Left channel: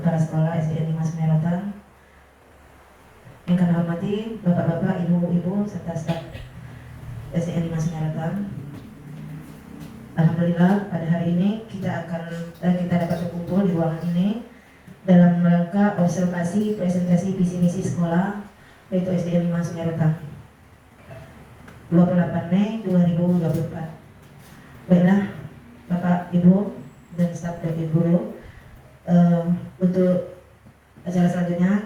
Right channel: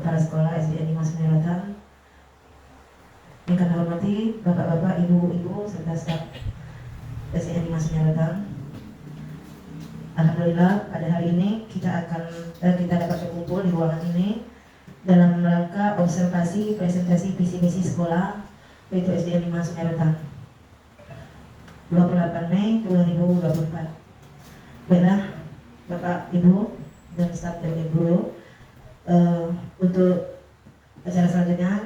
Kepala Sekolah SDN 5 Semerotan. Yang kami hormati Bapak-bapak, Ibu-ibu serta staf SDN 5 Semerotan. Alhamdulillah pada hari ini kita dapat berkumpul di ruangan ini dalam rangka observasi presentasi visi misi sekolah yaitu SDN 5 Semerotan 28 Mei 2024. Baiklah Bapak, Ibu dan staf dan guru, untuk acara selanjutnya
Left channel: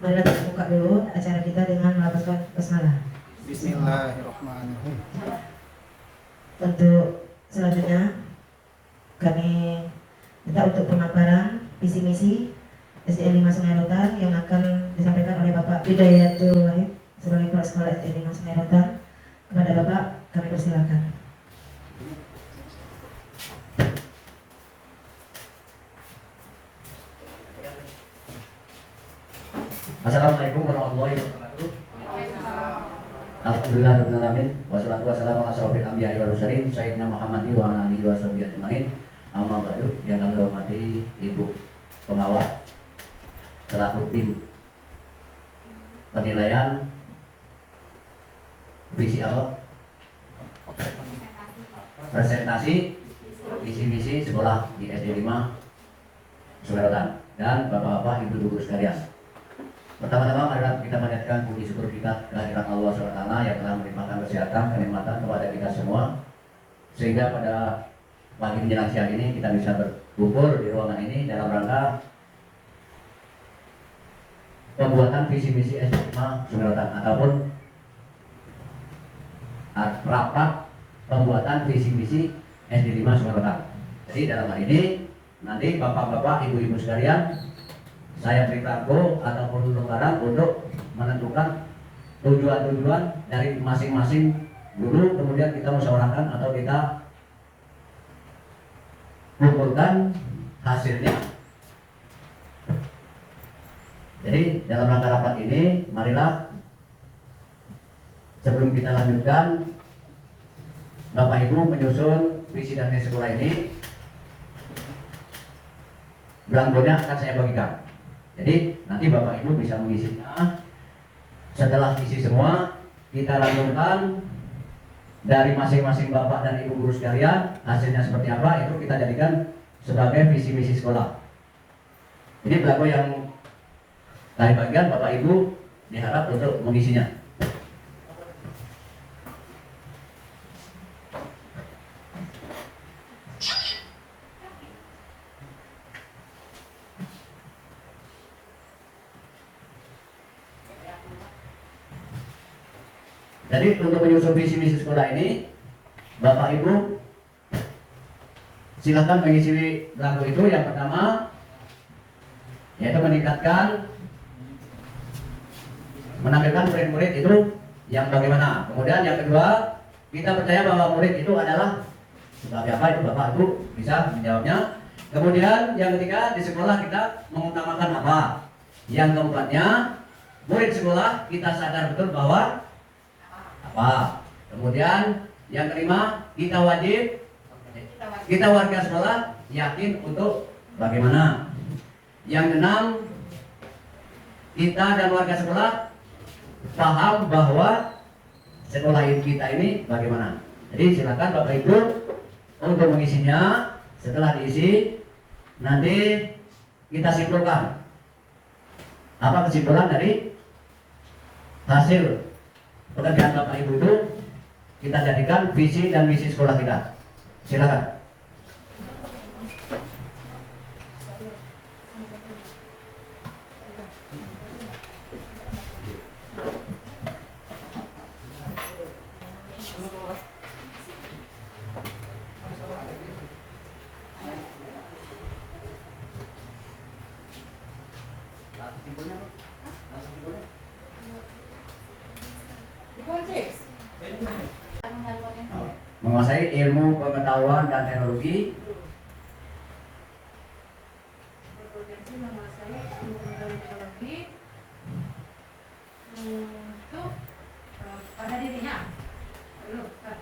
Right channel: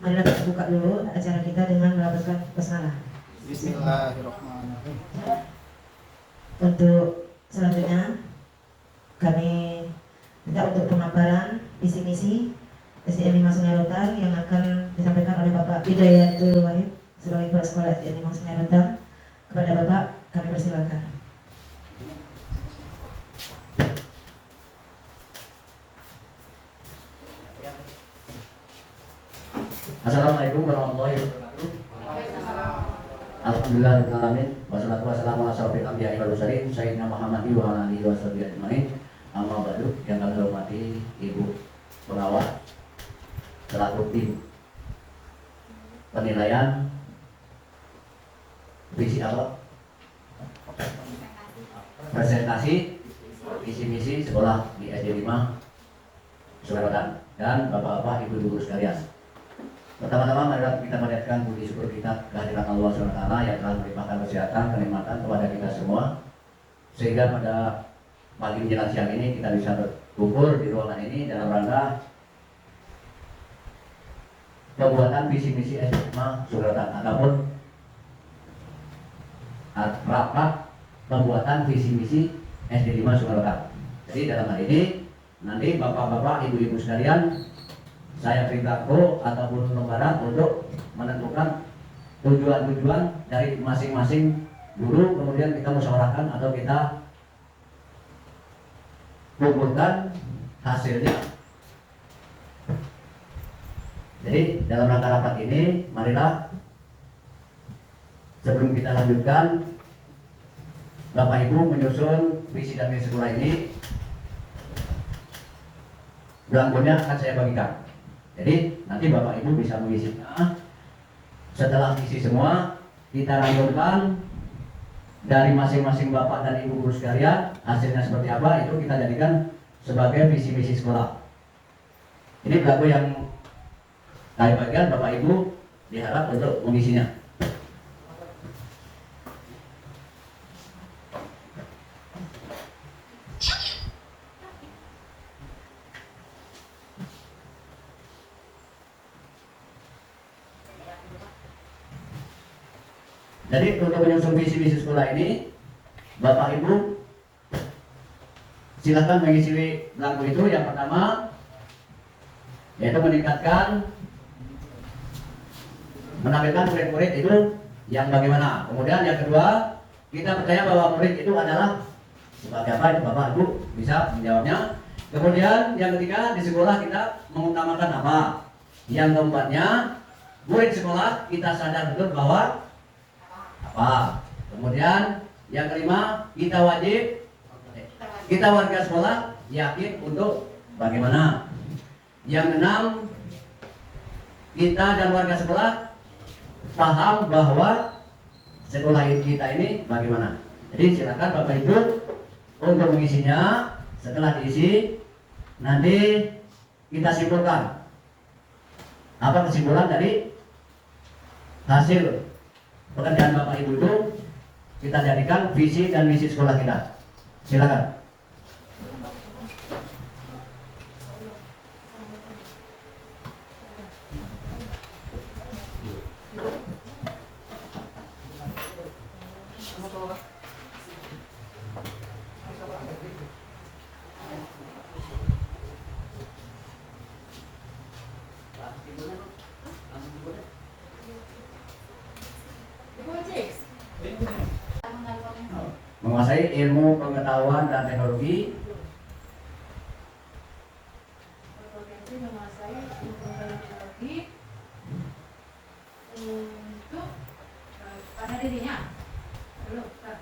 marilah kita buka dulu acara kita dengan melafazkan basmalah. Bismillahirrahmanirrahim. Untuk selanjutnya kami minta untuk pemaparan visi misi SDN 5 Semerotan yang akan disampaikan oleh Bapak Hidayatul Wahid sebagai kepala sekolah SDN 5 Semerotan. Kepada Bapak kami persilakan. Assalamualaikum warahmatullahi wabarakatuh. Alhamdulillahirrahmanirrahim. Wassalatu wassalamu ala asyrofil anbiya'i wal mursalin sayyidina Muhammadin wa ala alihi washabihi ajmain. Amma ba'du. Yang kami hormati Ibu Pengawas selaku tim penilaian visi awal presentasi visi misi sekolah di SD 5 Semerotan dan Bapak-bapak, Ibu-ibu sekalian. Pertama-tama marilah kita menaikkan puji syukur kita kehadirat Allah SWT yang telah melimpahkan kesehatan, kenikmatan kepada kita semua, sehingga pada pagi menjelang siang ini kita bisa berkumpul di ruangan ini dalam rangka pembuatan visi misi SD 5 Semerotan ataupun rapat pembuatan visi misi SD 5 Semerotan. Jadi dalam hal ini nanti Bapak-bapak, Ibu-ibu sekalian, saya beritahu ataupun lembaran untuk menentukan tujuan-tujuan dari masing-masing guru, kemudian kita musyawarahkan atau kita kumpulkan hasilnya. Jadi dalam rangka rapat ini, marilah sebelum kita lanjutkan, Bapak Ibu menyusun visi dan misi sekolah ini. Belangkonya akan saya bagikan. Jadi nanti Bapak Ibu bisa mengisinya. Setelah isi semua, kita lanjutkan dari masing-masing Bapak dan Ibu guru sekalian, hasilnya seperti apa itu kita jadikan sebagai visi misi sekolah. Jadi belangko yang kami bagikan Bapak Ibu diharap untuk mengisinya. Jadi untuk menyusun visi misi sekolah ini, Bapak Ibu silakan mengisi belangko itu. Yang pertama yaitu menampilkan murid-murid itu yang bagaimana. Kemudian yang kedua, kita percaya bahwa murid itu adalah sebagai apa, itu Bapak Ibu bisa menjawabnya. Kemudian yang ketiga, di sekolah kita mengutamakan apa. Yang keempatnya, murid sekolah kita sadar betul bahwa apa. Kemudian yang kelima, kita warga sekolah yakin untuk bagaimana. Yang keenam, kita dan warga sekolah paham bahwa sekolah kita ini bagaimana. Jadi silakan Bapak Ibu untuk mengisinya. Setelah diisi, nanti kita simpulkan apa kesimpulan dari hasil pekerjaan Bapak Ibu itu kita jadikan visi dan misi sekolah kita. Silakan. Menguasai ilmu pengetahuan dan teknologi. Berpotensi menguasai ilmu pengetahuan teknologi untuk pada dirinya. Dulu, kan?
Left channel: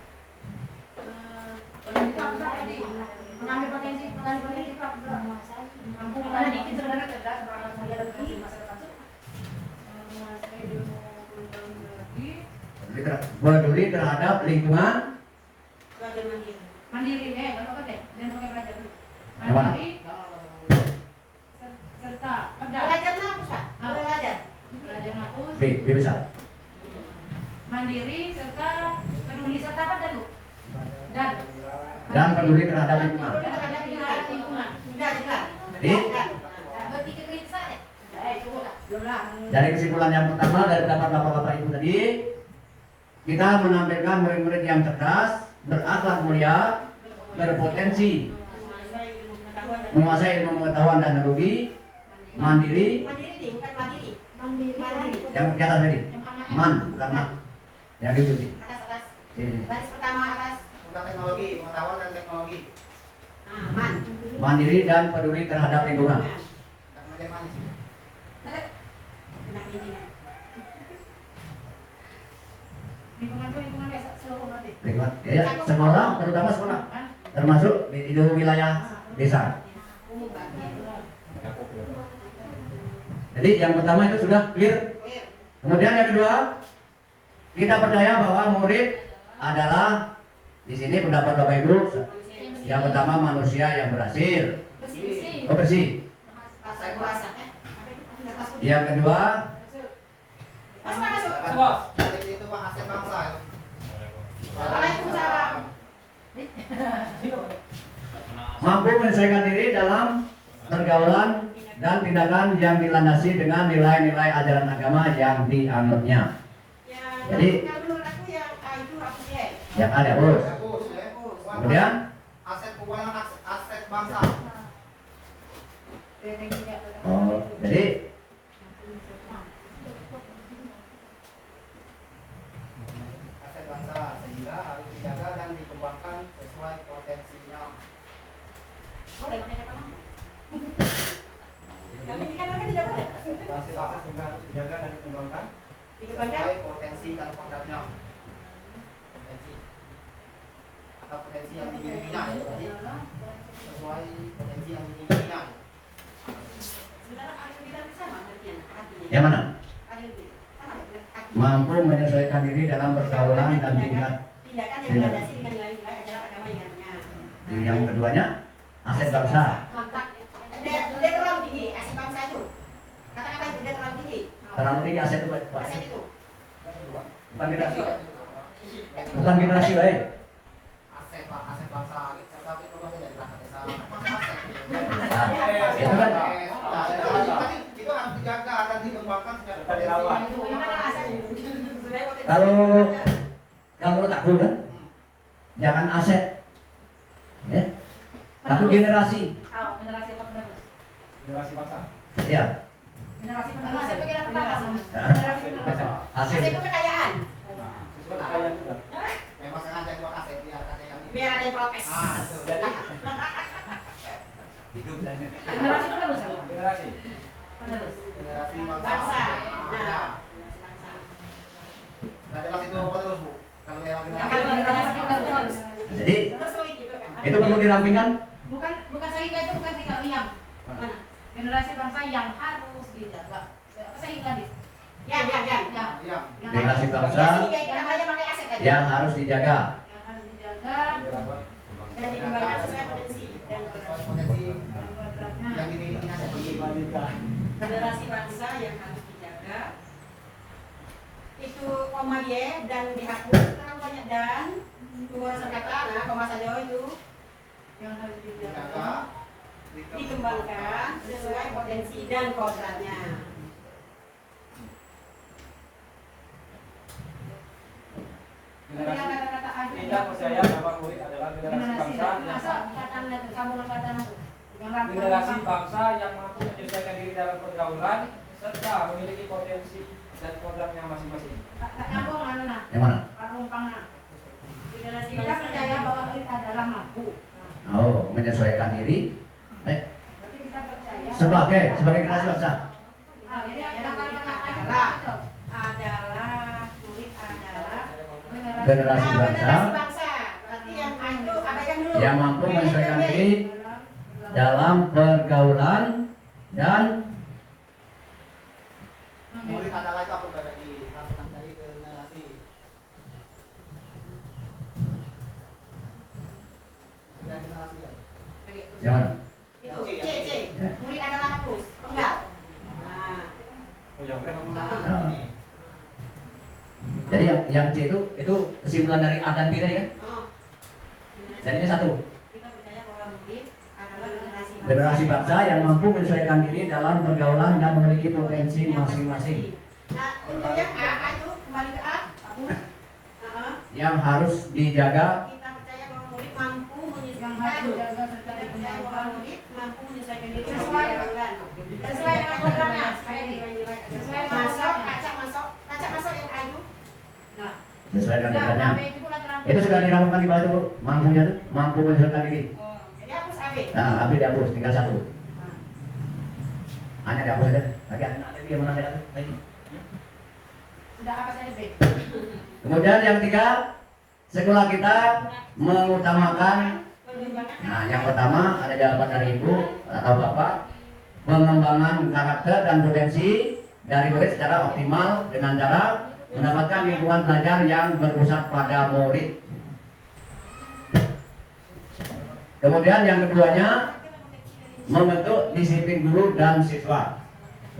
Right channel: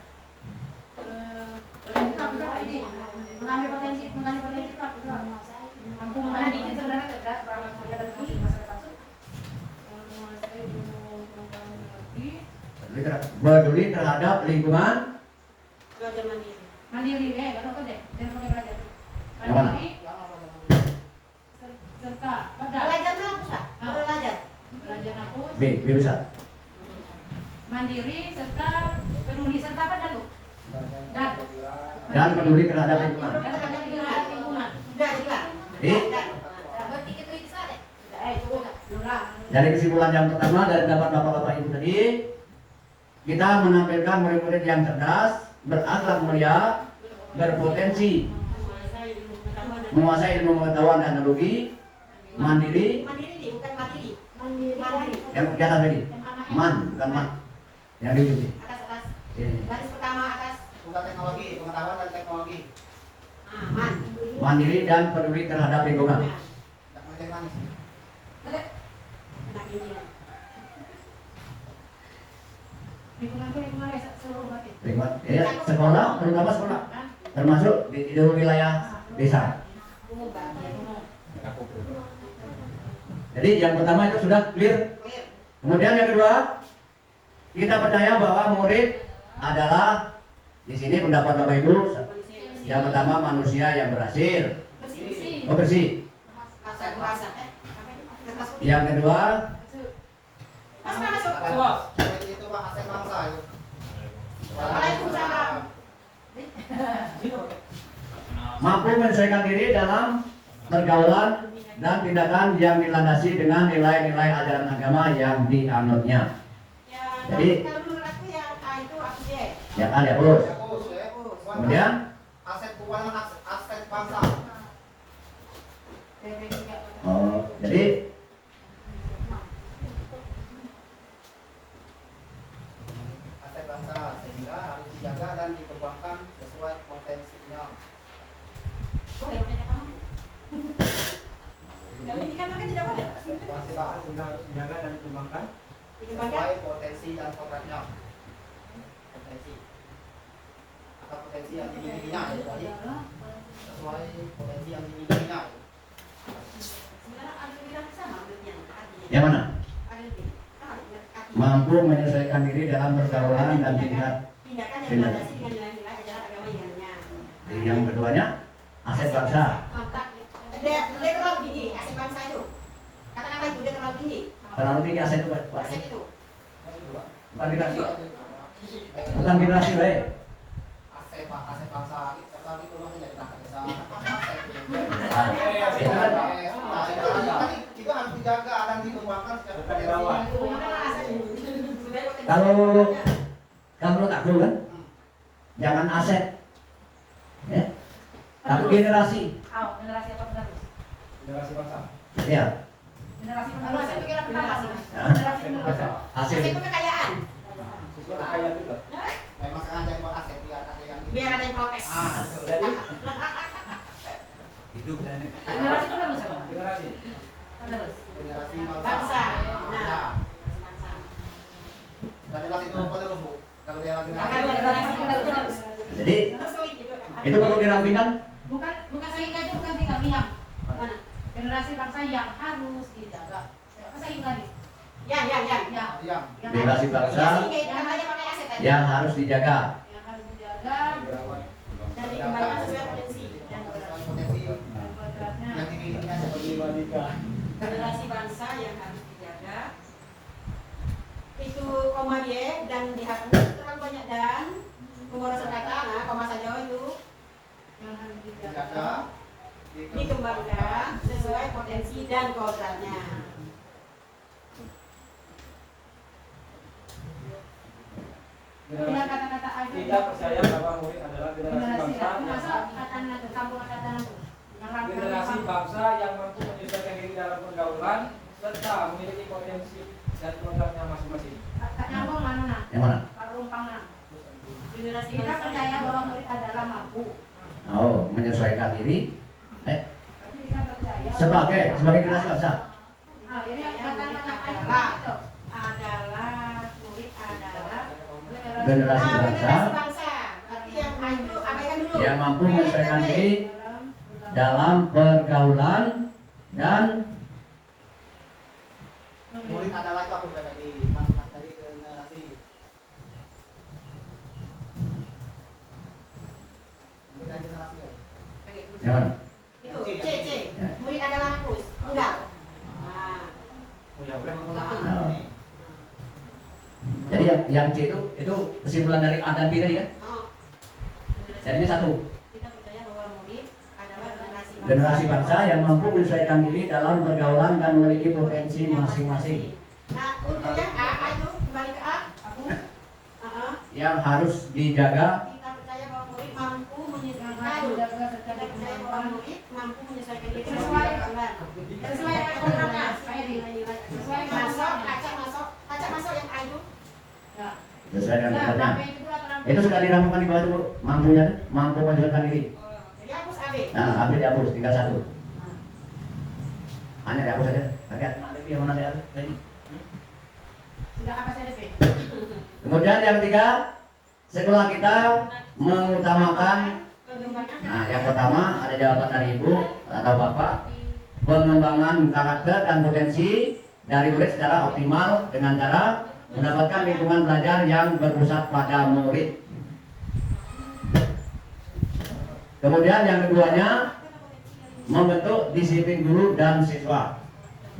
Mengambil potensi mampu mengalami sebenarnya peduli terhadap lingkungan. Mandiri deh, kalau apa deh? Dan mulai belajar. Yang mana? Mandiri serta pada Belajar tuh apa, Pak? Belajar. belajar aku Bisa. mandiri serta peduli serta apa dah tuh? Dan peduli terhadap lingkungan. Lingkungan. Jadi Berpikir kritis aja. Belum lah. dari kesimpulan yang pertama dari pendapat Bapak Ibu tadi, kita menampilkan murid-murid yang cerdas, berakhlak mulia, berpotensi, menguasai ilmu pengetahuan dan teknologi, mandiri, Bukan mandiri. yang kelihatan tadi, bukan man, yang di sini. Atas. Ini. Baris pertama atas. Bukan teknologi, pengetahuan dan teknologi. Man. Mandiri dan peduli terhadap lingkungan. Tak kemudian manis. Nah, ini. Lingkungan tuh lingkungan desa seluruh berarti. Lingkungan, ya, sekolah, terutama sekolah, termasuk di wilayah desa. Jadi yang pertama itu sudah clear. Kemudian yang kedua, kita percaya bahwa murid adalah di sini pendapat Bapak Ibu. Yang pertama manusia yang berhasil, bersih. Yang kedua, Itu Pak aset bangsa. Waalaikumsalam. mampu menyelesaikan diri dalam pergaulan dan tindakan yang dilandasi dengan nilai-nilai ajaran agama yang dianutnya. Jadi, menurut aku yang itu aku sih. yang ada urus. Kemudian, aset keuangan aset bangsa. jadi Aset bangsa sehingga harus dijaga dan dikembangkan sesuai potensinya. Aset bangsa sehingga harus dijaga dan dikembangkan sesuai potensi dan kodratnya. Potensi atau potensi yang dimilikinya ya, berarti sesuai potensi yang dimilikinya. yang mana? Mampu menyelesaikan diri dalam pergaulan dan tingkat. Tindakan yang dilandasi dengan nilai-nilai ajaran agama yang dianutnya. Yang keduanya, aset bangsa. Dia terlalu tinggi, aset bangsa itu. Kata-kata itu dia terlalu tinggi. Terlalu tinggi aset itu, Aset itu. bukan generasi. Bukan generasi, baik. Aset bangsa serta itu masih dari belakang desa. Itu kan Itu harus dijaga dan dikembangkan secara potensi. kalau tak dulu kan, jangan aset, ya. Tapi generasi, Generasi apa benar? Generasi bangsa. ya. Generasi Kalau aset pikiran apa sih? Generasi penerus. Hasil. Aset itu kekayaan. Sesuai kekayaan juga. Memang sekarang ada yang buat aset biar ada yang Biar ada yang protes. jadi Hidup dan Generasi penerus. generasi Penerus. generasi Bangsa. Nah, nah jelas itu penerus Bu. Kalau dia Akan generasi generasi penerus. Jadi itu perlu dirampingkan. Bukan sehingga itu bukan tinggal diam. Mana? Generasi bangsa yang harus dijaga. Sehingga nih. Ya. Ya. diam. Yang Generasi harus- bangsa Sehingga itu namanya pakai aset tadi. yang harus dijaga. yang harus dijaga Dan dikembangkan sesuai potensi dan Sesuai potensi dan kodratnya. yang dimilikinya seperti generasi bangsa yang harus dijaga. Itu koma Y dan dihapus, kan banyak dan pemborosan kata, nah pembahasan Jawa itu Yang harus dijaga, dijaga. dikembangkan sesuai potensi dan kodratnya. Ya kata-kata aja. Tidak percaya bahwa murid adalah generasi bangsa Masa kata kamu kata aku. Yang rangkum generasi kamu. bangsa yang mampu menyelesaikan diri dalam pergaulan serta memiliki potensi dan kodratnya masing-masing. Tak nyambung anu nah. Yang mana? Parumpana. Generasi Kita bangsa percaya bahwa murid adalah mampu. Oh, menyesuaikan diri. Berarti kita percaya. Sebagai generasi bangsa. Ah, ini kata-kata Nah. itu. adalah murid adalah Generasi bangsa generasi bangsa. Berarti yang A itu abaikan dulu. yang mampu menyesuaikan diri dalam pergaulan dan murid adalah itu aku bagi masuk tadi ke generasi Jadi yang C itu kesimpulan dari A dan B tadi kan? Oh. Jadinya satu. Kita percaya bahwa murid adalah Generasi bangsa yang mampu menyesuaikan diri dalam pergaulan dan memiliki potensi masing-masing. Nah, untuk yang A itu kembali ke A. Yang harus dijaga Kita percaya bahwa murid mampu menyesuaikan diri sesuai dengan programnya. Sesuai masuk, acak masuk yang A itu. Nah, sesuai dengan nah, keadaannya. AB itu bulan terampil. Itu sudah diramukan di bawah itu, mampunya tuh, mampu menyesuaikan diri. Jadi hapus AB. Nah, habis dihapus, tinggal satu. Hanya dihapus saja. Agak nanti dia mana ada tadi. Sudah apa saja B? Kemudian yang ketiga, sekolah kita mengutamakan. Nah, yang pertama ada jawaban dari ibu atau bapak, pengembangan karakter dan potensi dari murid secara optimal dengan cara mendapatkan lingkungan belajar yang berpusat pada murid. Kemudian yang keduanya, membentuk disiplin guru dan siswa.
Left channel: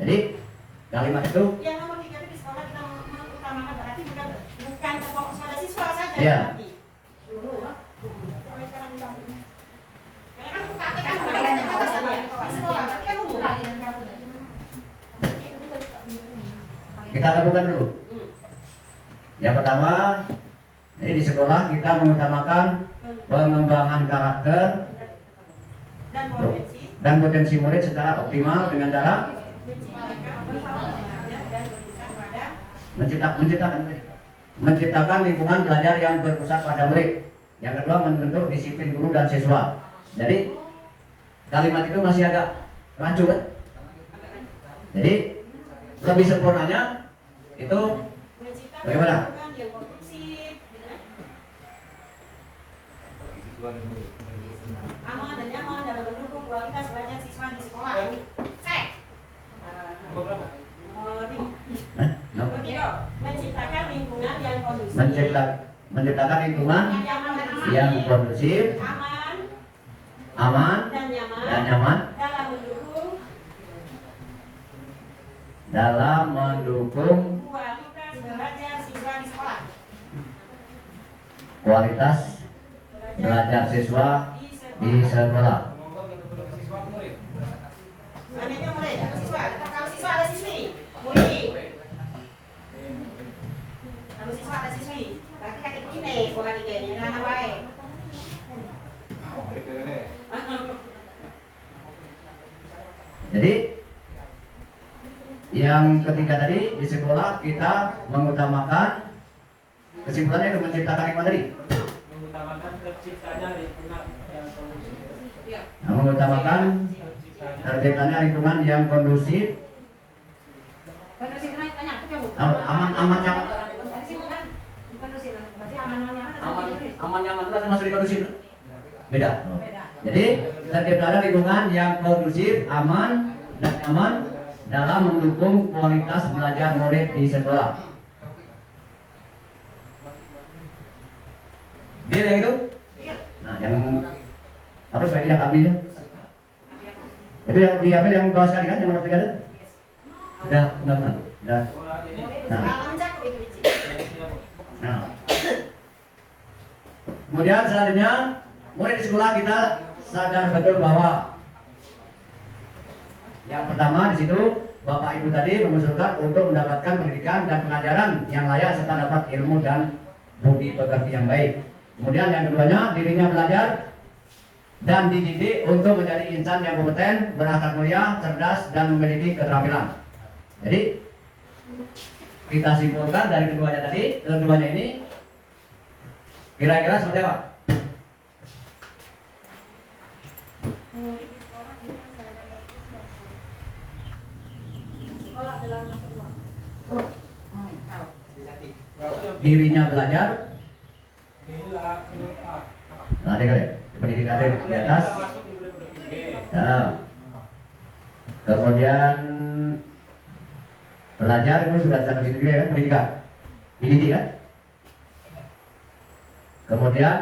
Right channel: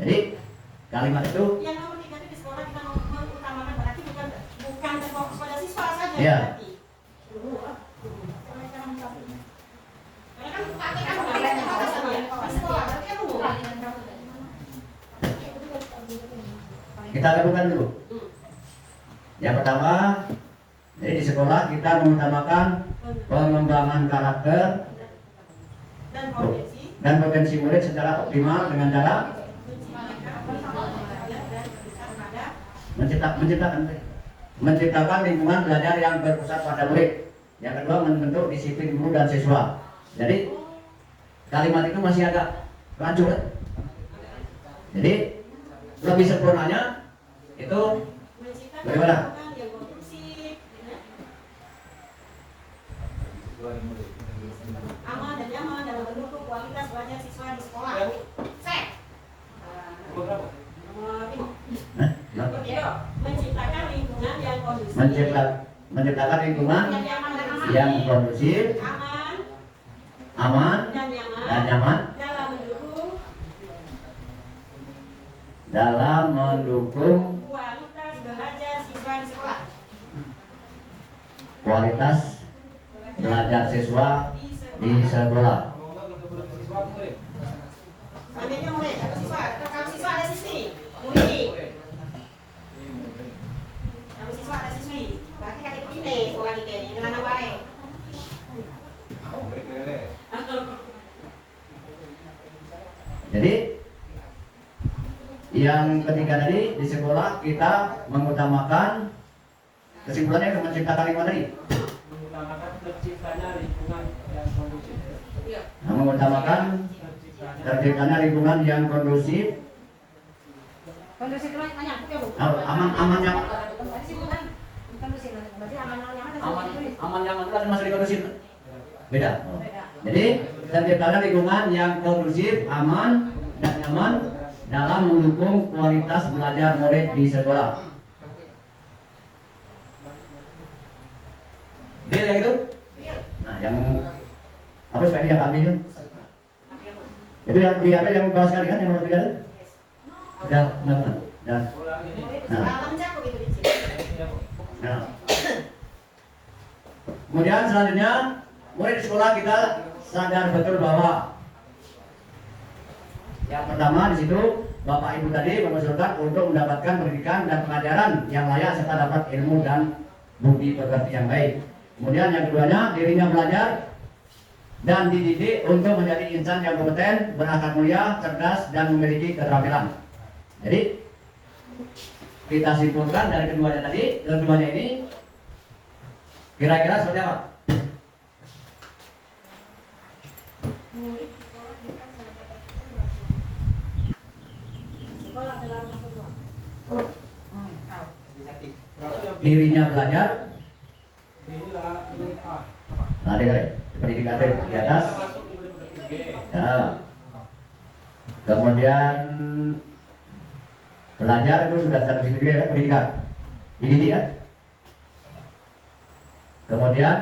Jadi kalimat itu Yang nomor 3 itu di sekolah kita mengutamakan berarti bukan fokus pada siswa saja. Iya. Berarti. Sampai sekarang disampaikan. Karena kan praktek kan banyak alasannya. Di sekolah berarti kan umum. kita lakukan dulu. Yang pertama, ini di sekolah kita mengutamakan pengembangan karakter Dan dan potensi murid secara optimal dengan cara menciptakan lingkungan belajar yang berpusat pada murid. Yang kedua, membentuk disiplin guru dan siswa. Jadi kalimat itu masih agak rancu kan? Jadi lebih sempurnanya itu bagaimana? Aman dan nyaman dalam mendukung kualitas belajar siswa di sekolah. Cek. Hah? Nomor 3, menciptakan lingkungan yang kondusif. Menciptakan lingkungan yang yang kondusif, aman, dan dan nyaman dalam mendukung dalam mendukung kualitas belajar siswa di sekolah. kualitas belajar siswa di sekolah. Selanjutnya murid, ada siswa. Kalau siswa ada siswi, murid. Kalau siswa ada siswi, berarti kakek ini sekolah kita ini dengan baik. Jadi yang ketiga tadi di sekolah kita mengutamakan kesimpulannya itu menciptakan lingkungan tadi. Mengutamakan terciptanya lingkungan yang kondusif. Nah, mengutamakan terciptanya lingkungan yang kondusif, Kondusif itu banyak, ya Bu. aman yang Kondusif kan kondusif, berarti aman-amannya apa? aman yang itu kan masuk di kondusif. Beda. Beda. Jadi terciptanya lingkungan yang kondusif, aman dan nyaman dalam mendukung kualitas belajar murid di sekolah. Deal yang itu? Nah, yang harus saya tidak ambil. Itu yang diambil yang bawah sekali kan, yang nomor 3 itu? Udah. Nah. Kalau mencakup itu di sini. Nah. Kemudian selanjutnya, murid di sekolah kita sadar betul bahwa yang pertama di situ Bapak Ibu tadi mengusulkan untuk mendapatkan pendidikan dan pengajaran yang layak serta dapat ilmu dan budi pekerti yang baik. Kemudian yang keduanya, dirinya belajar dan dididik untuk menjadi insan yang kompeten, berakhlak mulia, cerdas dan memiliki keterampilan. Jadi kita simpulkan dari keduanya tadi, keduanya ini kira-kira seperti apa? Dirinya belajar, ada pendidikan di atas, ya. Kemudian belajar itu sudah sampai situ juga kan, pendidikan, dididik kan. Kemudian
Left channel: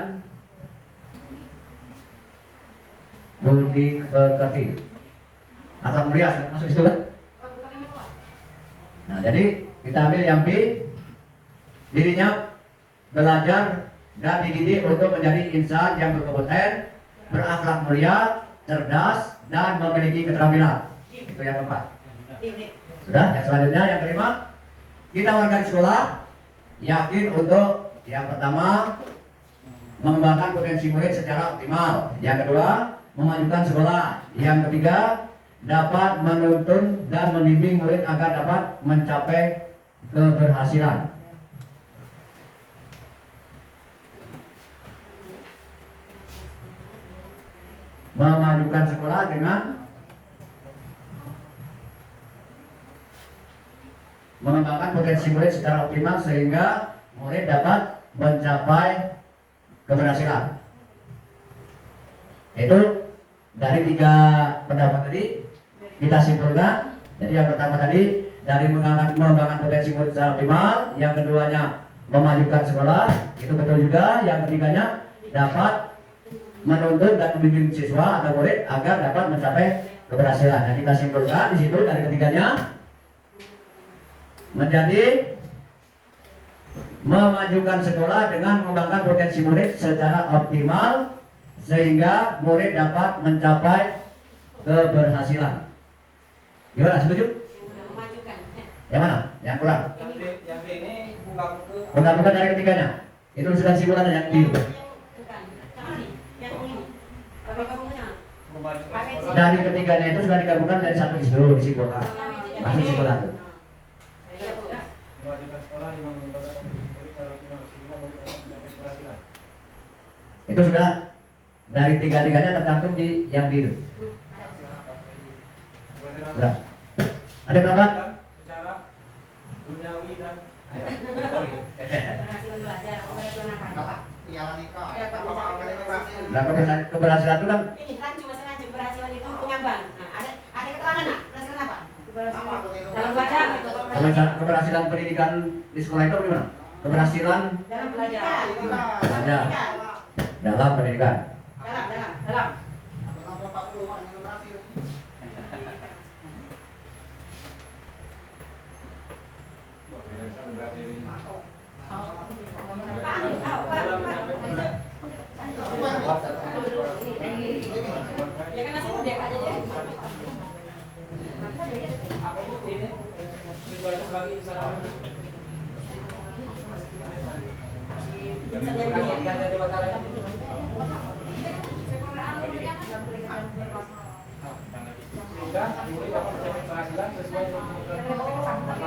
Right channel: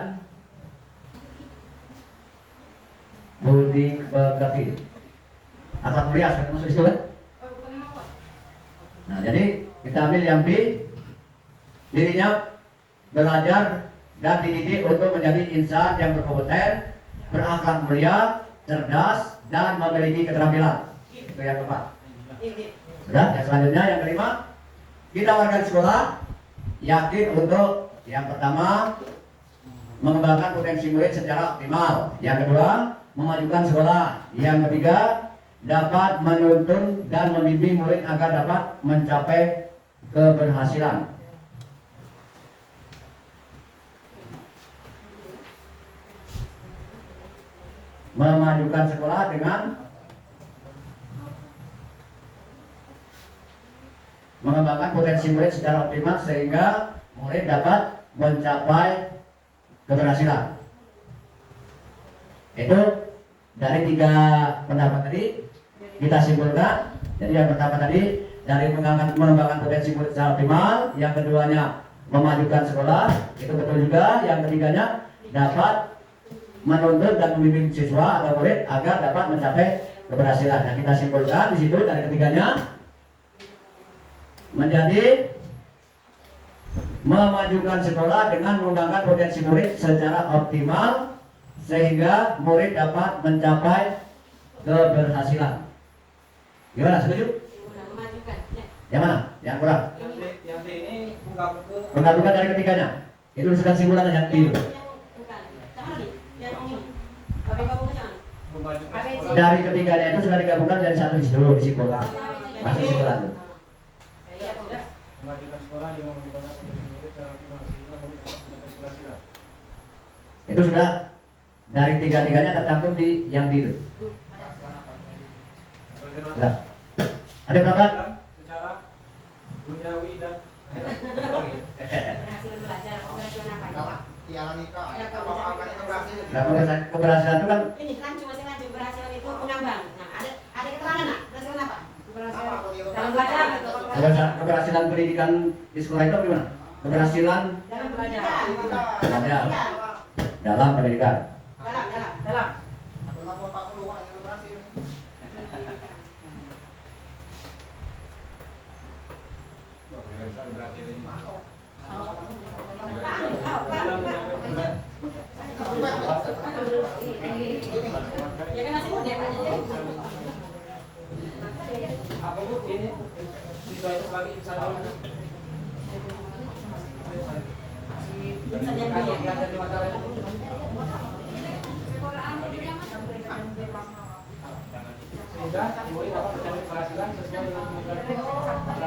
budi pekerti, akhlak mulia masuk situ kan. Nah jadi kita ambil yang B. dirinya belajar dan dididik untuk menjadi insan yang berkompeten, berakhlak mulia, cerdas, dan memiliki keterampilan. Itu yang keempat. Sudah, yang selanjutnya yang kelima, kita warga di sekolah yakin untuk yang pertama mengembangkan potensi murid secara optimal. Yang kedua, memajukan sekolah. Yang ketiga, dapat menuntun dan membimbing murid agar dapat mencapai keberhasilan. Memajukan sekolah dengan mengembangkan potensi murid secara optimal sehingga murid dapat mencapai keberhasilan. Itu dari 3 pendapat tadi kita simpulkan. Jadi yang pertama tadi dari mengembangkan potensi murid secara optimal, yang keduanya memajukan sekolah, itu betul juga. Yang ketiganya dapat menuntut dan membimbing siswa atau murid agar dapat mencapai keberhasilan. Nah, kita simpulkan di situ dari ketiganya menjadi memajukan sekolah dengan mengembangkan potensi murid secara optimal sehingga murid dapat mencapai keberhasilan. Gimana, setuju? Memajukan. Yang mana? Yang kurang? Yang B ini buka-buka. Menggabungkan dari ketiganya. Itu sudah simpulan yang di Bukan. Sama nih. Yang ini. Bapak-bapaknya. Memajukan sekolah. dari ketiganya itu sudah digabungkan dari satu dulu disimpulkan. Masuk simpulan. Memajukan sekolah yang mengembangkan murid secara optimal sehingga murid dapat mencapai keberhasilan. Itu sudah dari tiga-tiganya tercantum di yang biru. Sudah. Ada berapa? Secara duniawi dan Berhasil belajar. Keberhasilan apa? Kalah. Tiara nikah. Apa-apa yang berhasil. Nah, keberhasilan itu kan Ini rancu masing rancu keberhasilan itu pengambang. Nah, ada keterangan nggak? Keberhasilan apa? Keberhasilan dalam belajar itu. keberhasilan pendidikan di sekolah itu gimana? Keberhasilan Dalam belajar. Belajar. dalam pendidikan. Dalam. 40 yang berhasil. Ya kan masih muda aja ya. apa itu ini visualisasi lagi bisa tahu. Yang ada di Batara. Sehingga murid dapat mencapai keberhasilan sesuai dengan kebutuhan dan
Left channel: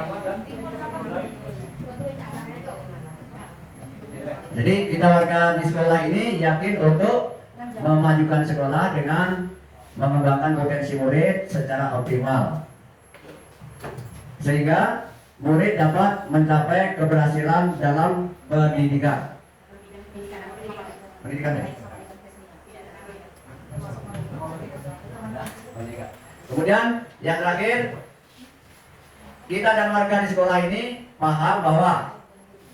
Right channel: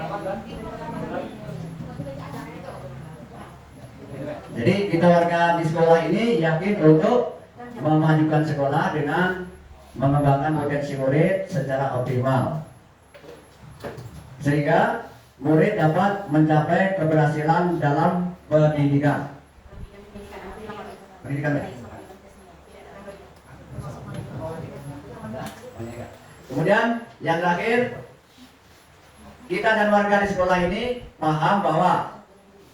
Jadi kita warga di sekolah ini yakin untuk memajukan sekolah dengan mengembangkan potensi murid secara optimal sehingga murid dapat mencapai keberhasilan dalam pendidikan. Pendidikan. Kemudian yang terakhir, kita dan warga di sekolah ini paham bahwa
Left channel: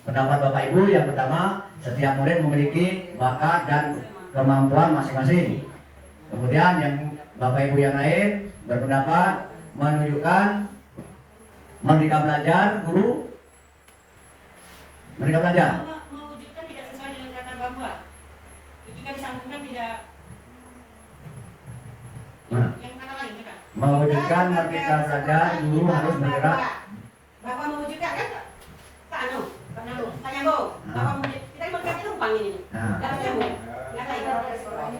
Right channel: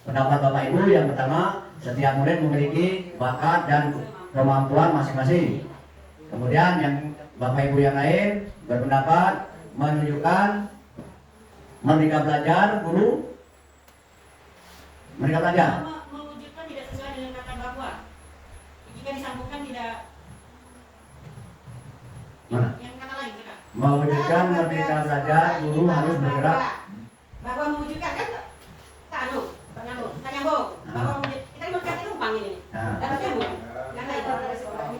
pendapat Bapak Ibu yang pertama, setiap murid memiliki bakat dan kemampuan masing-masing. Kemudian yang Bapak Ibu yang lain berpendapat menunjukkan Merdeka Belajar, guru Merdeka Belajar. Mewujudkan tidak sesuai dengan kata bahwa jika disambungkan tidak Mana? yang kata lain kata. Mewujudkan Merdeka Belajar, guru harus bergerak. Bahwa mewujudkan kan tak nyambung. Bahwa kita mewujudkan itu umpang ini. Nah, Dalam nyambung. Yang lain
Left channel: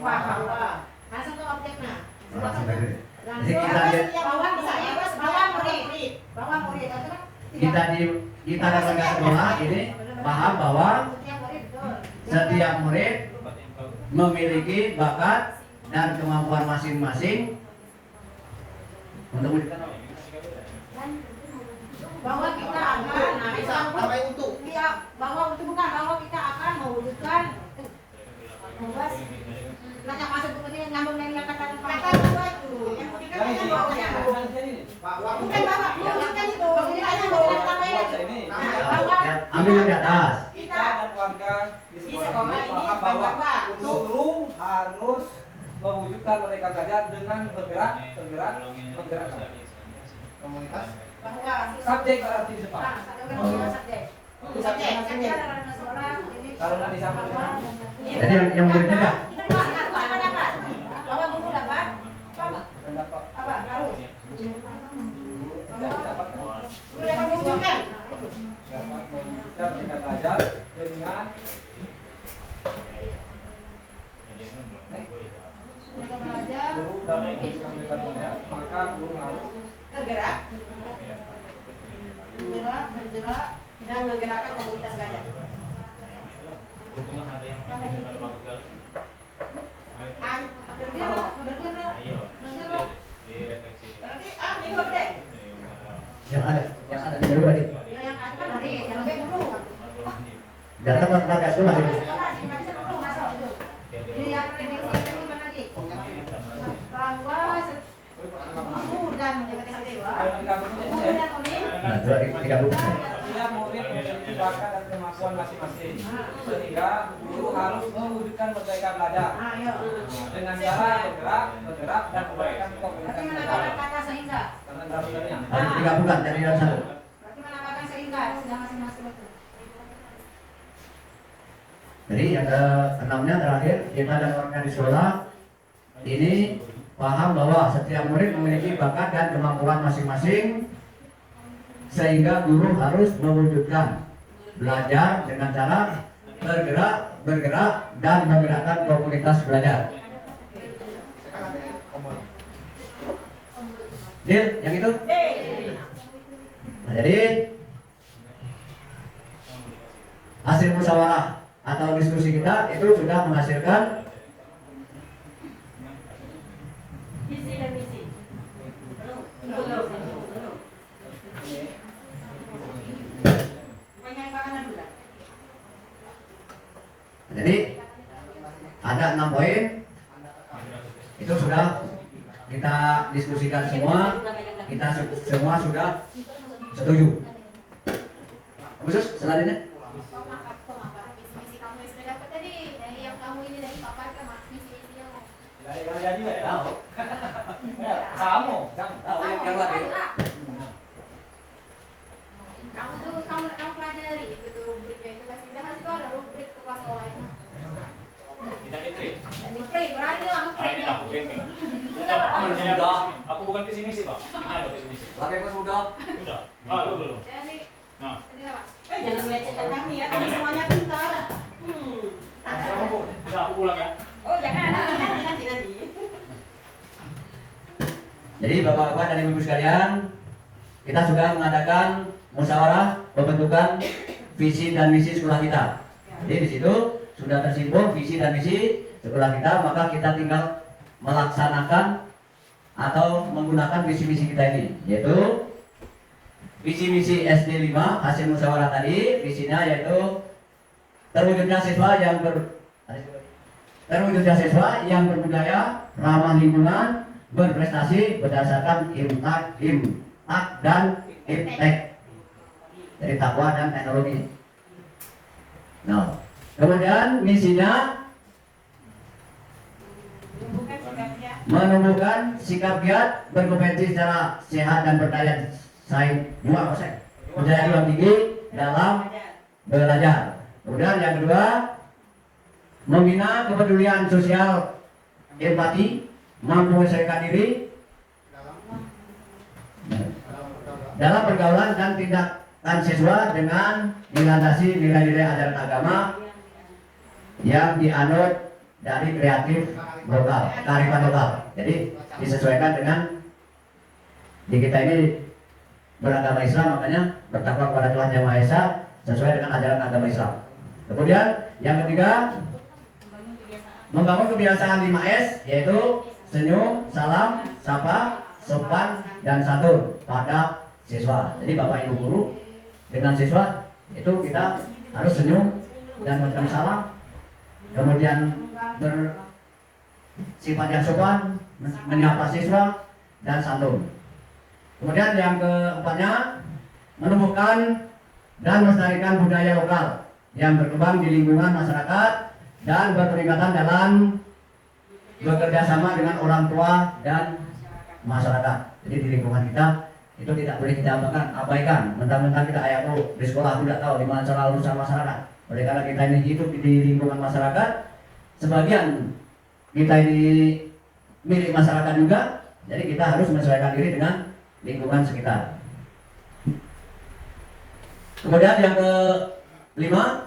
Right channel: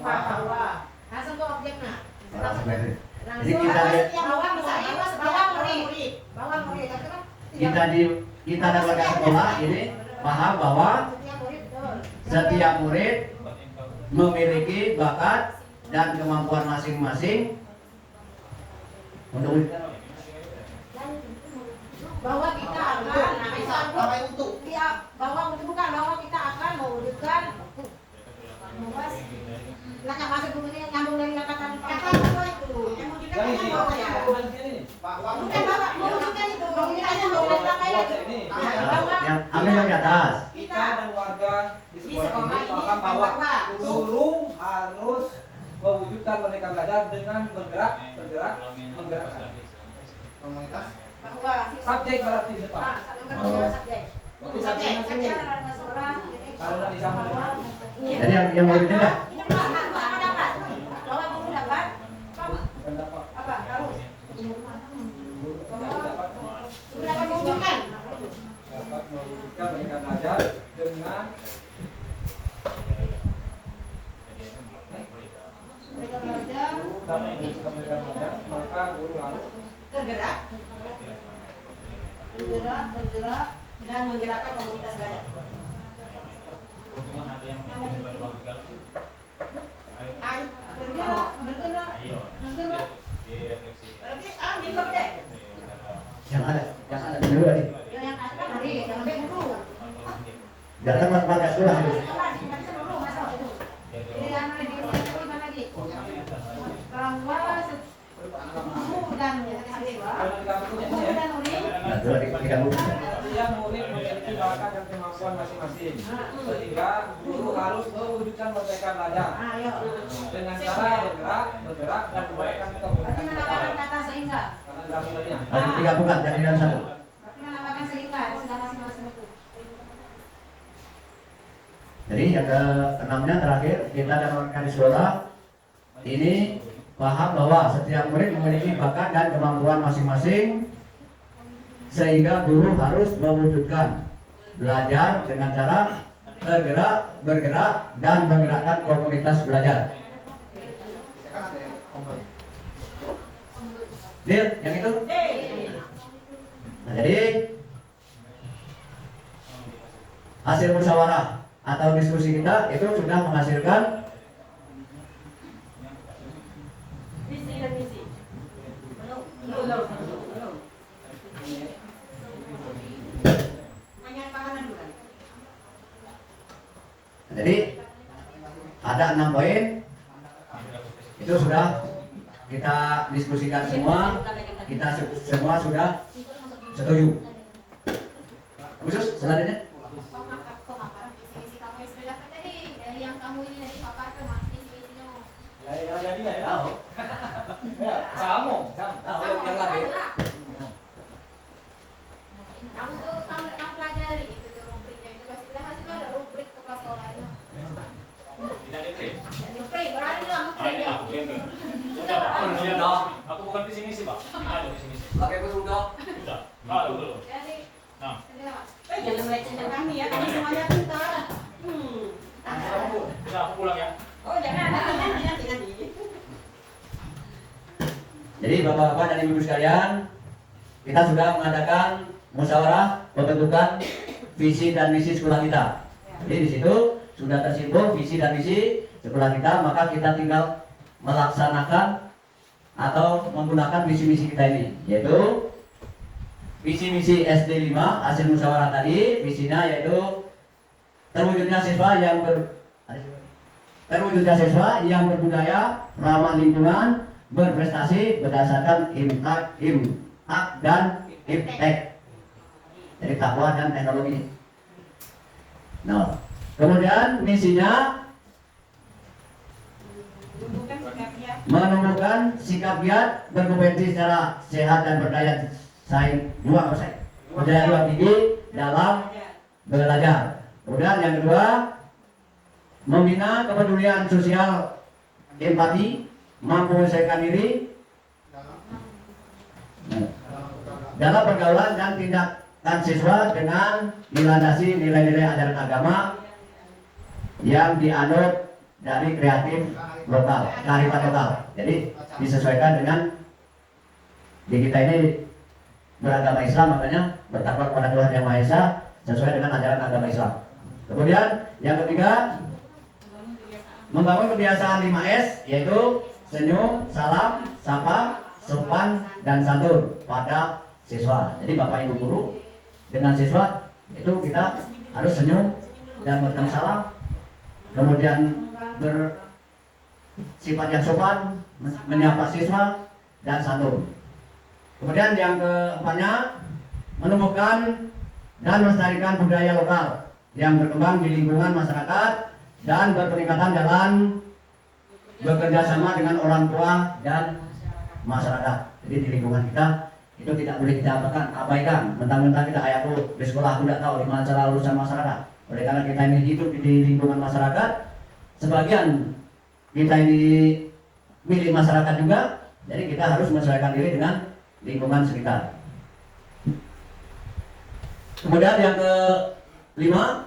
bahwa langsung ke objeknya. jadi kita kita dan warga sekolah ini paham bahwa setiap murid memiliki bakat dan kemampuan masing-masing untuk bahwa kita akan Sampai untuk. bahwa untuk bukan bahwa kita akan mewujudkan ngajak masuk dulu ini nyambung dari kata kedua itu yang mewujudkan itu Bahwa bukan bahwa mewujudkan itu aja mau tambah itu bahwa ambil yang di atas. Kita dan warga di di sekolah sekolah ini ini paham bahwa bahwa guru harus mewujudkan Merdeka Belajar dengan bergerak. komunitas. bahwa Subjek harus di depan. Kalau nggak disamakan, Jadi yang muridnya dah. kita berikan belajar dengan maka guru harus bergerak dan menggerakkan komunitas gajah. Bergerak. Berarti minggu deh. Yang ada dulu tadi. Yang ada tadi, yang ada dulu. Datang pakai itu masih. Nah, tiga dulu. setiap murid memiliki bakat dan kemampuan masing-masing, sehingga guru harus mewujudkan merdeka belajar dengan cara bergerak dan memberikan komunikasi sehingga. Harus digabungkan jadi dalam satu. Berarti menambahkan sehingga sudah masing-masing itu. Jadi yang keenamnya terakhir kita dapatkan di sekolah ini paham bahwa setiap murid memiliki bakat dan kemampuan masing-masing sehingga guru harus mewujudkan belajar dengan cara bergerak dan menggerakkan komunitas belajar. Deal, yang itu? Nah, jadi hasil musyawarah atau diskusi kita itu sudah menghasilkan Visi dan misi. Belum. Pengembangan bukan. jadi ada 6 poin itu sudah kita diskusikan semua, kita semua sudah setuju. Khusus selanjutnya Visi kamu yang sudah dapat tadi dari yang kamu ini dari papa kan visi-visinya. kamu yang lagi. Kamu pelajari itu tuh rubriknya itu pasti harus ada rubrik kelas sekolah itu. Rubrik berani lah ngeprint. Sudah, aku bukan visi misi pak. Pakai ke sudah. Sudah, belum. Jadi, Nah, kenapa? Jangan lecehkan kami ya, kami semuanya pintar. sudah aku pulang ya. Oh jangan nanti. Jadi bapak-bapak dan ibu sekalian, kita sudah mengadakan musyawarah pembentukan visi dan misi sekolah kita. Jadi di situ sudah tersimpul visi dan misi sekolah kita, maka kita tinggal melaksanakan atau menggunakan visi misi kita ini, yaitu visi misi SD 5 hasil musyawarah tadi, visinya yaitu terwujudnya siswa yang berbudaya, ramah lingkungan, berprestasi berdasarkan impact dan impact dari takwa dan teknologi. Nah, kemudian misinya menumbuhkan sikap giat berkompetisi secara sehat dan berdaya saing berdaya tinggi dalam belajar. Kemudian yang kedua, membina kepedulian sosial, empati, mampu menyelesaikan diri dalam pergaulan dan tindakan siswa dengan dilandasi nilai-nilai ajaran agama yang dianut dari kreatif lokal, kearifan lokal. Jadi disesuaikan dengan di kita ini beragama Islam, makanya bertakwa kepada Tuhan Yang Maha Esa sesuai dengan ajaran agama Islam. Kemudian yang ketiga, membangun kebiasaan 5S, yaitu senyum, salam, sapa, sopan, dan santun pada siswa. Jadi Bapak Ibu guru dengan siswa itu kita harus senyum dan bertemu salam, kemudian bersifat yang sopan, menyapa siswa dan santun. Kemudian yang keempatnya, menumbuhkan dan melestarikan budaya lokal yang berkembang di lingkungan masyarakat dan berpeningkatan dalam bekerja sama dengan orang tua dan masyarakat. Jadi di lingkungan kita itu tidak boleh kita abaikan. Mentang-mentang kita kayak di sekolah tidak tahu di mana cara urusan masyarakat. Oleh karena kita ini hidup di lingkungan masyarakat, sebagian kita ini milik masyarakat juga, jadi kita harus menyesuaikan diri dengan lingkungan sekitar. Kemudian yang kelima,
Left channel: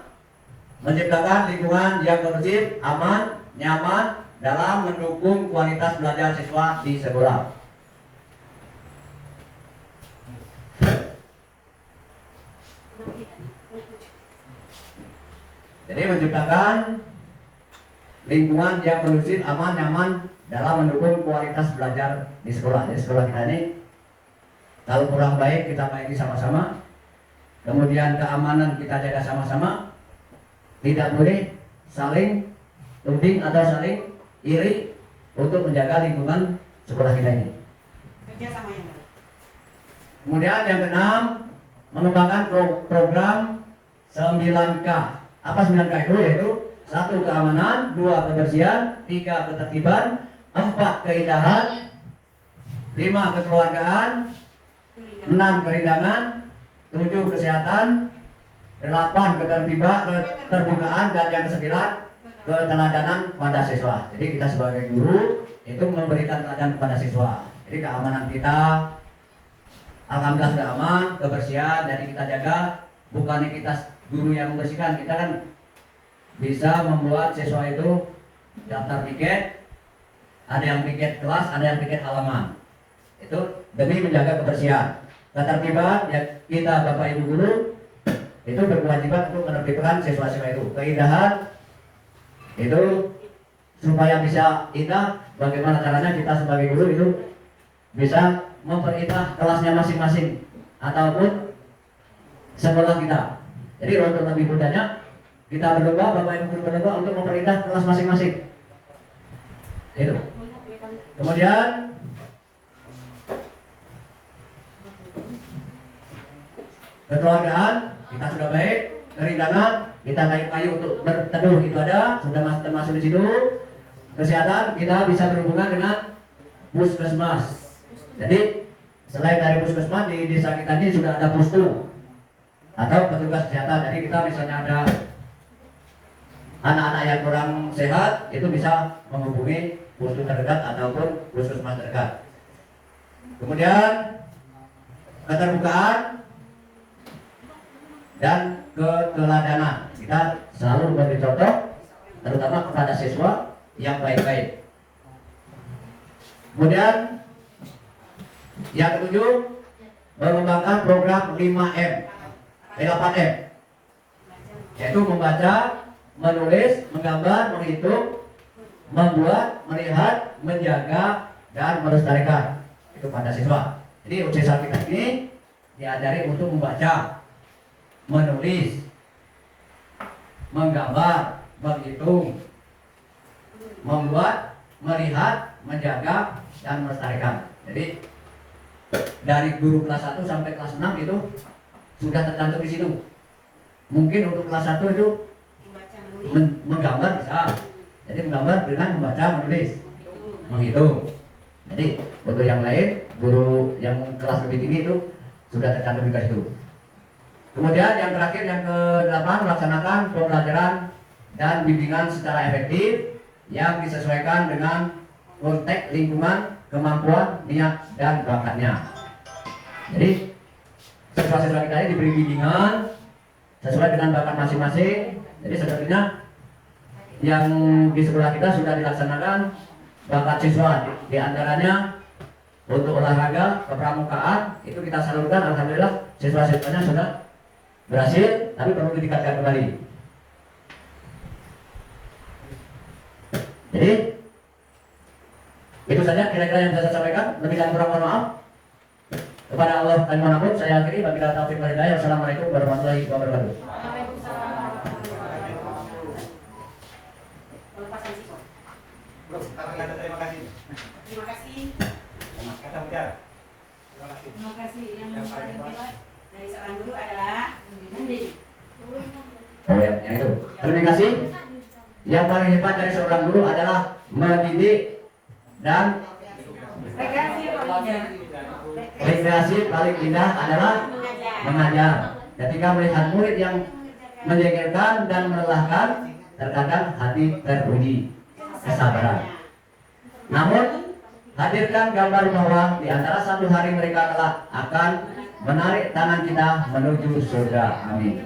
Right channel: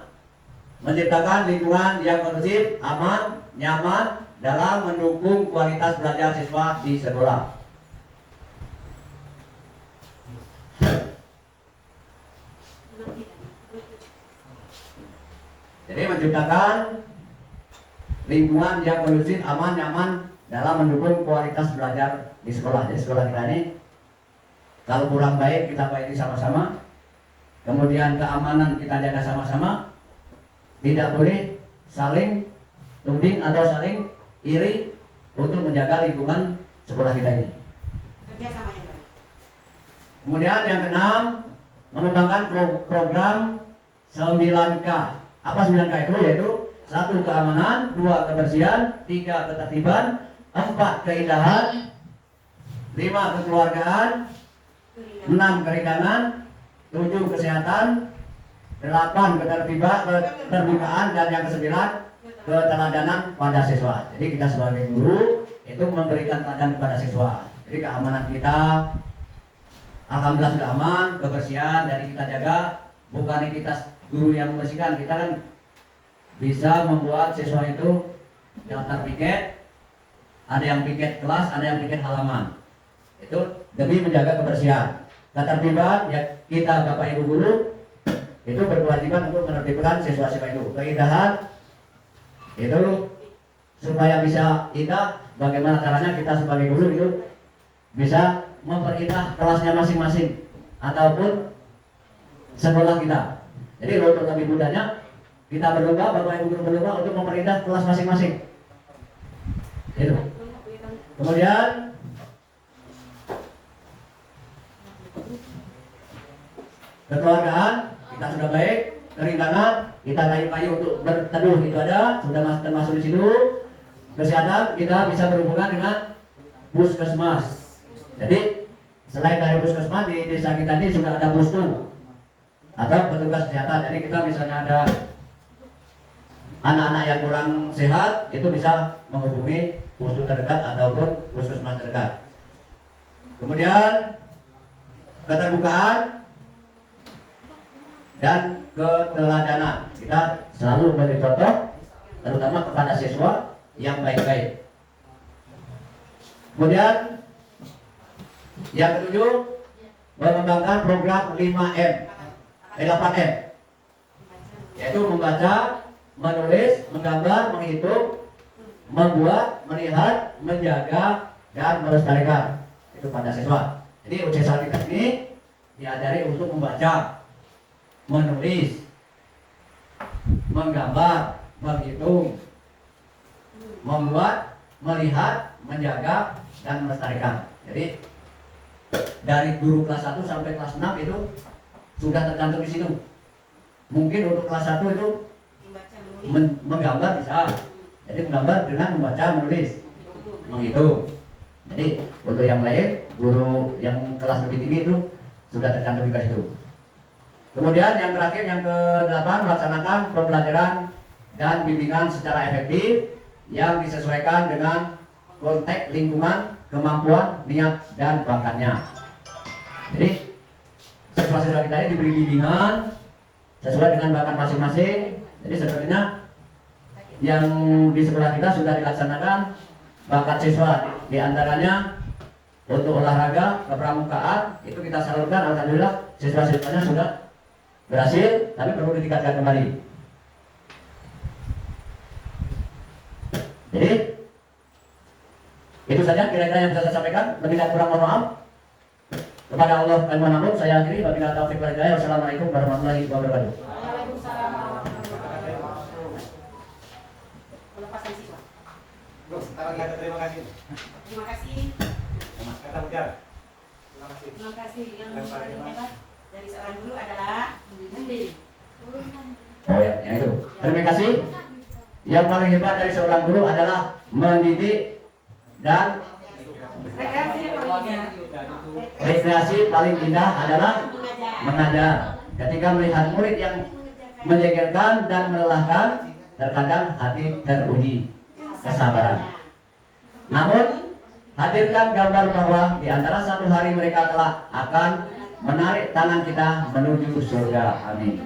menciptakan lingkungan yang kondusif, aman, nyaman dalam mendukung kualitas belajar siswa di sekolah. Jadi menciptakan lingkungan yang kondusif, aman, nyaman dalam mendukung kualitas belajar di sekolah. Jadi sekolah kita ini kalau kurang baik kita baiki sama-sama. Kemudian keamanan kita jaga sama-sama. Tidak boleh saling tuding atau saling iri untuk menjaga lingkungan sekolah kita ini. Kerja sama yang baik. Kemudian yang keenam, mengembangkan program 9K. Apa 9K itu? Yaitu 1. Keamanan, 2. Kebersihan, 3. Ketertiban, 4. Keindahan, 5. Kekeluargaan, 6. Keringanan, 7. Kesehatan, 8. Keterbukaan, dan yang ke-9 keteladanan pada siswa. Jadi kita sebagai guru itu memberikan teladan kepada siswa. Jadi keamanan kita, alhamdulillah sudah aman, kebersihan dari kita jaga. Bukannya kita guru yang membersihkan, kita kan bisa membuat siswa itu daftar piket. Ada yang piket kelas, ada yang piket halaman. Itu demi menjaga kebersihan. Ketertiban, ya kita Bapak Ibu guru itu berkewajiban untuk menertibkan siswa-siswa itu. Keindahan itu supaya bisa indah, bagaimana caranya kita sebagai guru itu bisa memperindah kelasnya masing-masing ataupun sekolah kita. Jadi untuk lebih mudahnya kita berlomba, Bapak Ibu guru berlomba untuk memperindah kelas masing-masing. Itu. Kemudian kekeluargaan kita sudah baik, keringanan kita kayu untuk berteduh itu ada, sudah termasuk di situ. Kesehatan kita bisa berhubungan dengan puskesmas. Jadi selain dari puskesmas di desa kita ini sudah ada pustu atau petugas kesehatan. Jadi kita misalnya ada anak-anak yang kurang sehat itu bisa menghubungi pustu terdekat ataupun puskesmas terdekat. Kemudian keterbukaan dan keteladanan kita selalu memberi contoh terutama kepada siswa yang baik-baik. Kemudian yang ketujuh, mengembangkan program 8M yaitu membaca, menulis, menggambar, menghitung, membuat, melihat, menjaga, dan melestarikan itu pada siswa. Jadi ujian kita ini diajari untuk membaca, menulis, menggambar, menghitung, membuat, melihat, menjaga, dan melestarikan. Jadi dari guru kelas 1 sampai kelas 6 itu sudah tercantum di situ. Mungkin untuk kelas 1 itu menggambar bisa. Jadi menggambar dengan membaca, menulis, menghitung. Jadi untuk yang lain, guru yang kelas lebih tinggi itu sudah tercantum di situ. Kemudian yang terakhir, yang ke-8, melaksanakan pembelajaran dan bimbingan secara efektif yang disesuaikan dengan konteks lingkungan, kemampuan, niat, dan bakatnya. Jadi siswa-siswa kita ini diberi bimbingan sesuai dengan bakat masing-masing. Jadi sebenarnya yang di sekolah kita sudah dilaksanakan bakat siswa, di antaranya untuk olahraga, kepramukaan itu kita salurkan. Alhamdulillah siswa-siswanya sudah berhasil, tapi perlu ditingkatkan kembali. Jadi itu saja kira-kira yang bisa saya sampaikan. Lebih dan kurang mohon maaf. Kepada Allah dan manapun saya akhiri. Wabillahi taufiq wal hidayah. Wassalamualaikum warahmatullahi wabarakatuh. Waalaikumsalam warahmatullahi wabarakatuh. Pelepasan siswa. Sekarang ada terima kasih. Terima kasih. Kata bicara. Terima kasih. Terima kasih. Yang paling hebat dari seorang guru adalah Nandi. Oh ya, yang itu. Terima kasih. Yang paling hebat dari seorang guru adalah mendidik dan Terima kasih. rekreasi paling indah adalah mengajar. Ketika melihat murid yang menjengkelkan dan melelahkan, terkadang hati teruji kesabaran. Namun, hadirkan gambar bahwa di antara satu hari mereka kelak akan menarik tangan kita menuju surga. Amin.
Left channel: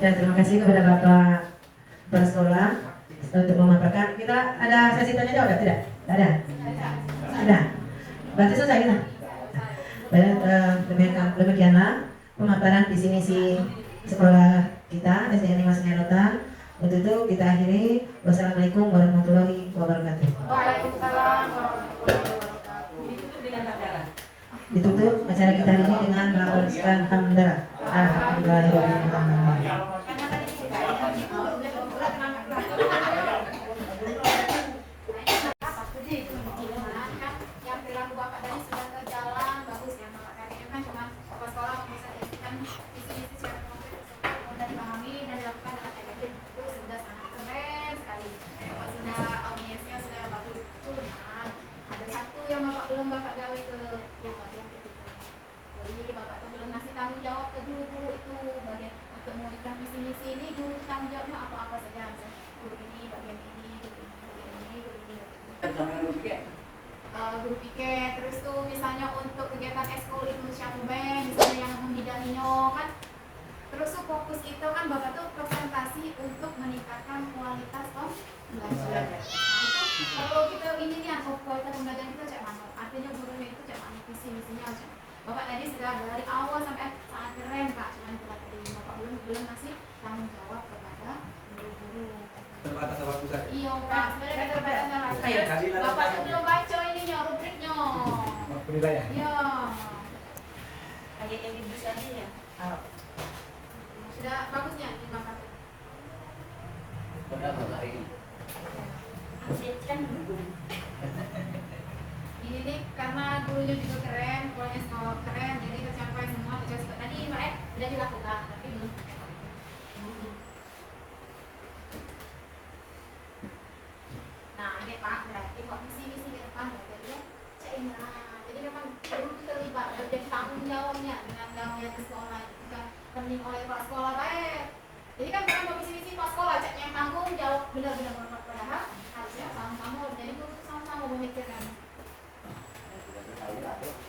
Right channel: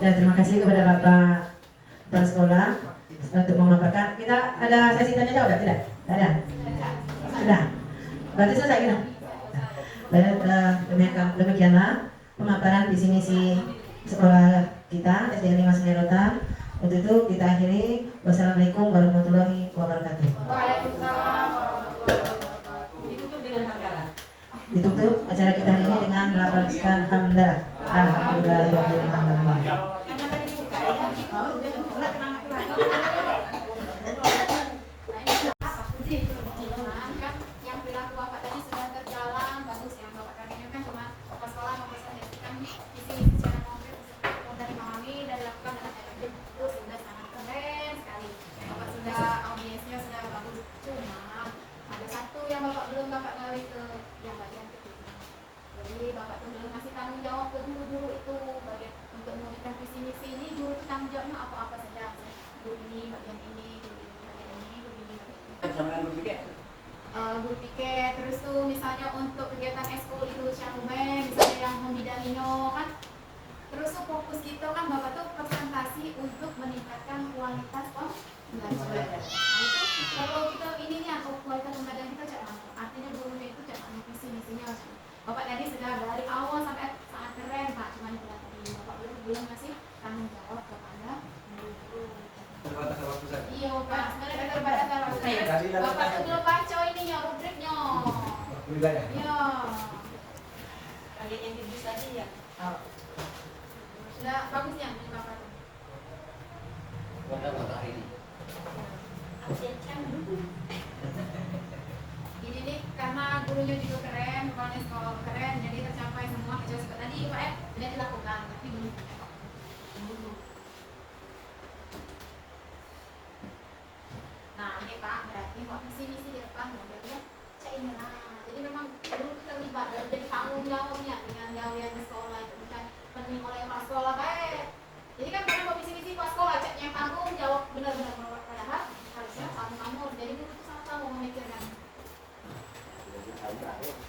Ya, terima kasih kepada Bapak Kepala Sekolah untuk memaparkan. Kita ada sesi tanya jawab tidak? Tidak ada. Sudah. Berarti selesai kita. Baik, demikianlah pemaparan visi misi sekolah kita SD 5 Sungai Rotan. Untuk itu kita akhiri. Wassalamualaikum warahmatullahi wabarakatuh. Waalaikumsalam warahmatullahi wabarakatuh. Ditutup dengan hamdalah. Ditutup acara kita ini dengan melafalkan hamdalah. Alhamdulillahirobbilalamin. Yang perilaku Bapak tadi sudah terjalan bagus ya Bapak tadi kan cuma Bapak sekolah mempresentasikan visi-misi secara konkret dan dipahami dan dilakukan dengan efektif itu sudah sangat keren sekali. Bapak sudah audiensnya sudah bagus. Cuma ada satu yang Bapak belum Bapak gawe ke yang bagian ketiga. Jadi Bapak tuh belum ngasih tanggung jawab ke guru itu bagian untuk mewujudkan visi-misi ini guru itu tanggung jawabnya apa-apa saja. Guru ini bagian ini, guru ini bagian ini, guru ini. Guru piket, terus tuh misalnya untuk kegiatan ekskul itu siapa misalnya yang membidanginya kan, terus tuh fokus itu kan Bapak tuh presentasi untuk meningkatkan kualitas pembelajaran. Kalau kita ini nih atau kualitas pembelajaran kita cak mana, artinya gurunya itu cak mana visi misinya. Bapak tadi sudah dari awal sampai sangat keren Pak, cuman itu tadi Bapak belum ngasih tanggung jawab kepada guru-guru. Iya Pak, sebenarnya keterbatasan waktunya. Bapak tuh belum baca ininya rubriknya. Iya. Kayak yang ibu tadi ya. Sudah bagusnya Bapak. Ini nih karena gurunya juga keren, pokoknya sekolah keren, jadi tercapai semua tujuan tadi Pak sudah dilakukan, tapi belum. Nah, ini Pak berarti mau visi misi di depan berarti ya. Jadi memang guru terlibat dan tanggung jawabnya dengan gawean sekolah itu bukan pening oleh Pak sekolah baik. Jadi kan bukan mau visi misi Pak sekolah cek yang tanggung jawab benar-benar padahal harusnya sama-sama jadi guru sama-sama memikirkan.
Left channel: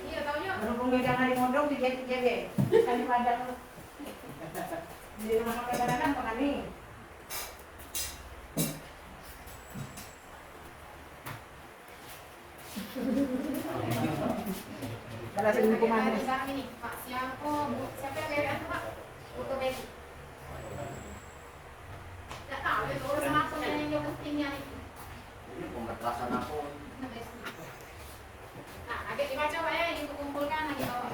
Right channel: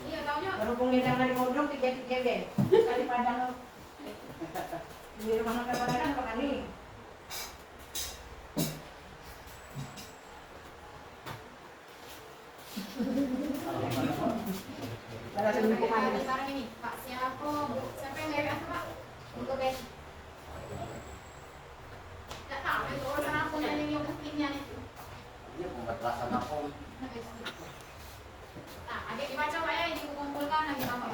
Iya, taunya Berhubung dia jangan modong tiga deh. Kali padang di rumah makan padanan kok kali. Kalau lingkungan sekarang ini Pak siapa yang dari itu Pak? Untuk Desi. Tidak tahu itu urusan aku yang dia pentingnya itu. Nah, adik dibaca Pak ya, dikumpulkan lagi Bapak.